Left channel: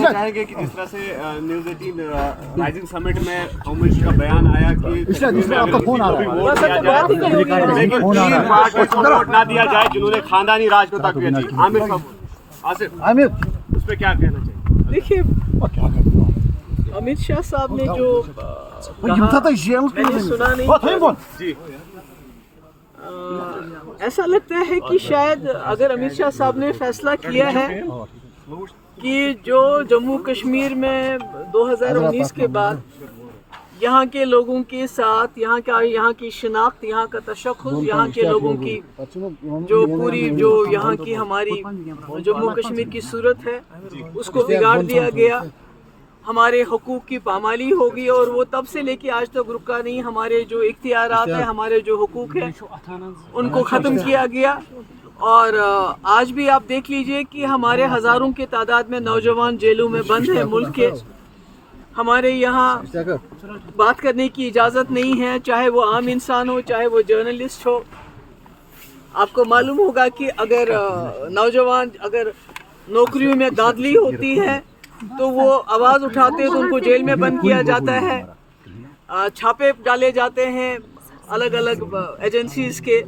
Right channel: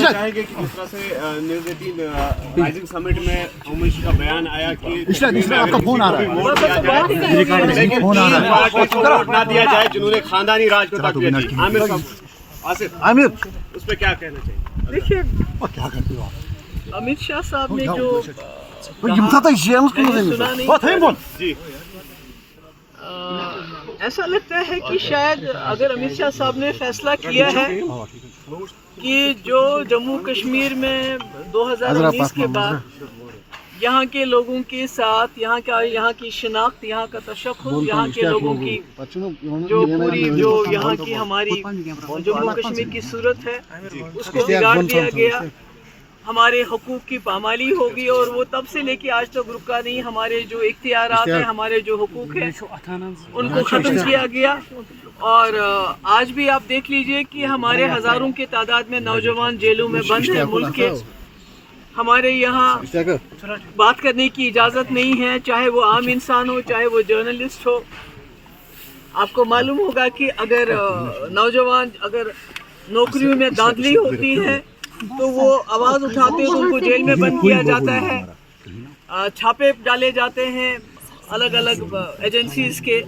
चाहेंगे कि जिस तरह से न्यूज़ 18 राइजिंग समिट में अमित का बयान आया कि पार्टी को वोट ना दिया जाए जिन्होंने खानदानी राज को तकलीफ दी। आमिर साहब, आमिर उस पर क्या कहना चाहिए? देखिए, अमित शाह साहब ने जो मैंने सुना नहीं जी, ऐसा लगता है कि शायद अगर अमित शाह साहब ने फैसला किया है कि जो जम्मू कश्मीर में 2019 के बाद यहाँ के लोगों के साथ यहाँ की शिनाख्त, यहाँ का तशख्खुस, यहाँ के लोगों की जो पूरी जो यहाँ की हमारी जम्मू कश्मीर की सूरत है उसको बिगाड़ दिया गया, हमारे हुकूक की पामाली होगी और वो तब से लेके आज तक रुका नहीं। हमारे जो इख्तियारात हैं, हमारे जो हुकूक हैं उनको ख़त्म किया गया। और आज भी आप देख लीजिए कि हमारे हज़ारों के तादाद में नौजवान जेलों में बंद हैं मुल्क के। हमारे यहाँ बात करने की इजाज़त नहीं है, चाहे वो आम इंसान हो, चाहे वो जर्नलिस्ट हो। आपको मालूम होगा कि अगर नौजवान अगर नौकरियों में धांधली होती है तो वो आवाज़ उठाते हैं तो उनको जेल में बंद किया जाता है, छापे डाले जाते हैं अलग अलग एजेंसीज के।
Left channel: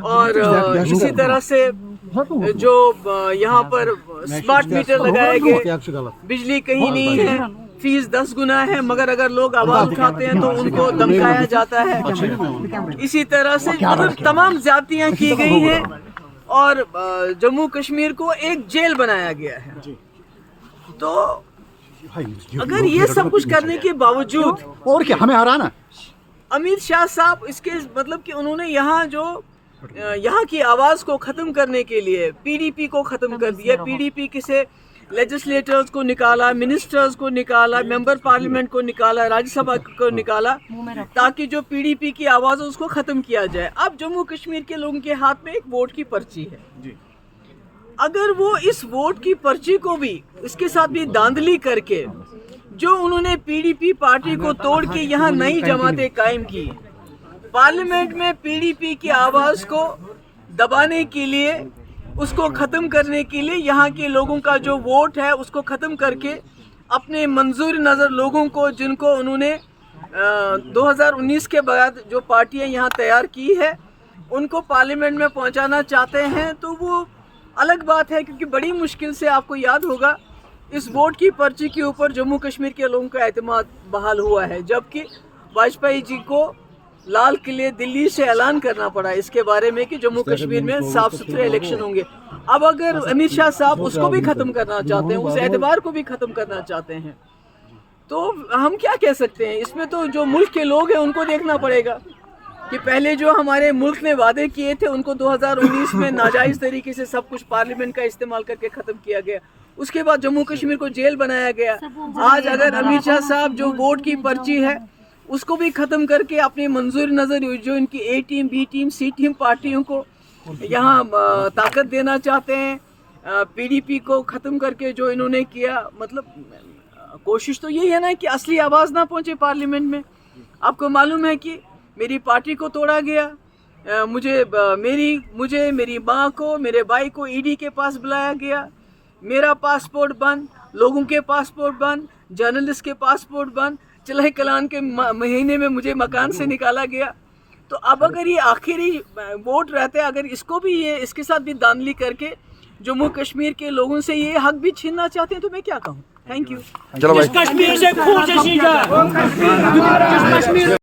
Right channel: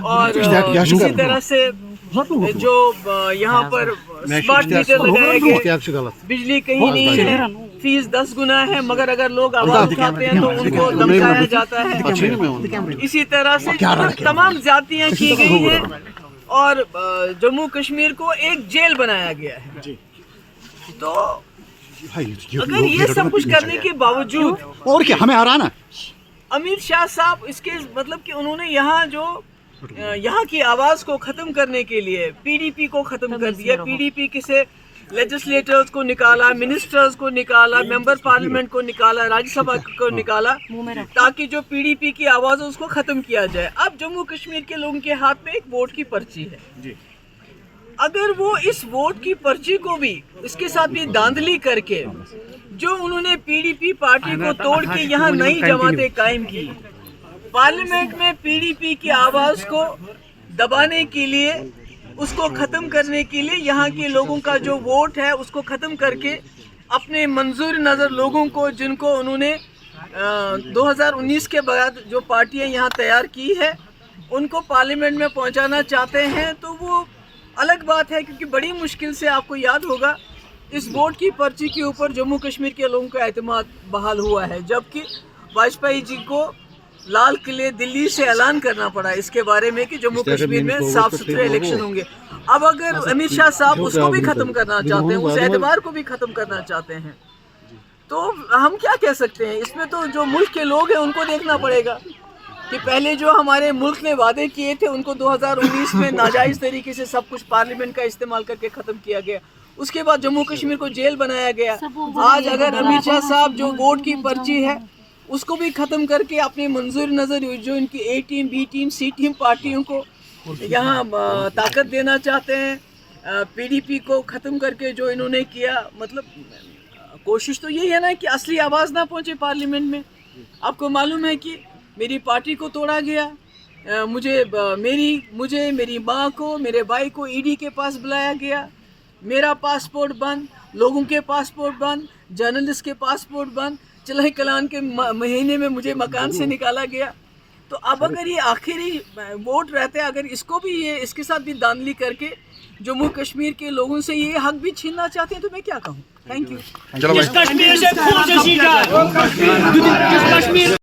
और इसी तरह से जो यहाँ पर स्मार्ट मीटर लगाए गए, बिजली कहीं नहीं है, फीस 10 गुना है, मगर अगर लोग आवाज़ उठाते हैं तो उनको धमकाया जाता है। इसी तरह से तमाम ज़्यादतियाँ की गई हैं और जम्मू कश्मीर को एक जेल बनाया गया है। तो अगर ये सब कुछ करने के बावजूद और क्या हमें आ रहा ना, अमित शाह साहब इसके मतलब कि उन्होंने यहाँ की आवाज़ को ख़त्म करने के लिए पीडीपी को ख़त्म कर दिया। पीडीपी से लेजिस्लेटर्स को निकाला, मिनिस्टर्स को निकाला, मेंबर पार्लियामेंट को निकाला, राज्यसभा को निकाला, ताकि जो पीडीपी की आवाज़ है उसको ख़त्म किया जाए। अब जम्मू कश्मीर के लोगों के हाथ में एक वोट की पर्ची है। अगर वो इस वोट की पर्ची को भी इसके साथ भी धांधली करके जो उन्होंने पीडीपी पार्टी को तोड़ के यहाँ नई जमातें कायम की, पार्लियामेंट में पीडीपी की आवाज़ को दबाने के लिए, उसको ख़त्म करने के लिए यहाँ के लोगों का जो वोट है उसको ख़त्म करके अपने मंजूर नज़र लोगों को, जिनको उन्होंने 2019 के बाद जो पार्टियाँ यहाँ तैयार की है उनको पार्लियामेंट में पहुँचाना चाहते हैं, तो वो अलग बात है। क्योंकि बड़ी मुश्किल से आपको याद होगा इस वोट की पर्ची के ऊपर जम्मू कश्मीर के लोगों का एतमाद बहाल हुआ है, जबकि वाजपेयी जी को लाल किले दिल्ली से ऐलान करना पड़ा इसके बारे में कि जम्मू कश्मीर में साफ सुथरे इलेक्शन होंगे। अब अगर अमित शाह साहब उसको भी ख़त्म करना चाहते हैं, उस एतबार को भी ख़त्म करना चाहते हैं, तो हम क्या कह सकते हैं? इसमें तो जो मुल्क के लोग हैं उनको देखना पड़ेगा कि पहले जो हमारे मुल्क ने वादे किए थे उनको 2019 में नाजायज़ तरीके से सब कुछ पार्लियामेंट का इस्तेमाल करके ख़त्म किया गया। उसके बाद जम्मू कश्मीर को जेल बनाया गया। आज अगर अमित शाह साहब जो वोट की पर्ची है उसको भी ख़त्म करके अपनी मंजूर नज़र जो इनकी ए टीम, बी टीम, सी टीम पार्टियों को यहाँ ताकत देना चाहते हैं, पीडीपी को ख़त्म करके जो इन्होंने किया, मतलब कोशिश तो यही है ना कि असली आवाज़ ना पहुँचे पार्लियामेंट में। आपको मालूम है कि मेरी पार्टी को तोड़ा गया, मुझे मेरी माँ को, मेरे भाई को ईडी के पास बुलाया गया, मेरा पासपोर्ट बंद, लोगों के पासपोर्ट बंद, जर्नलिस्ट के पासपोर्ट बंद, चलाए कलान के महीने में मुझे मकान से निकाला गया। तो अब अगर ये आखिरी वोट रहते हैं, अगर इसको भी ये इसके साथ भी धांधली करके जम्मू कश्मीर के लोगों से ये हक भी छीनना चाहते हैं तो मैं क्या कहूँ। Thank you.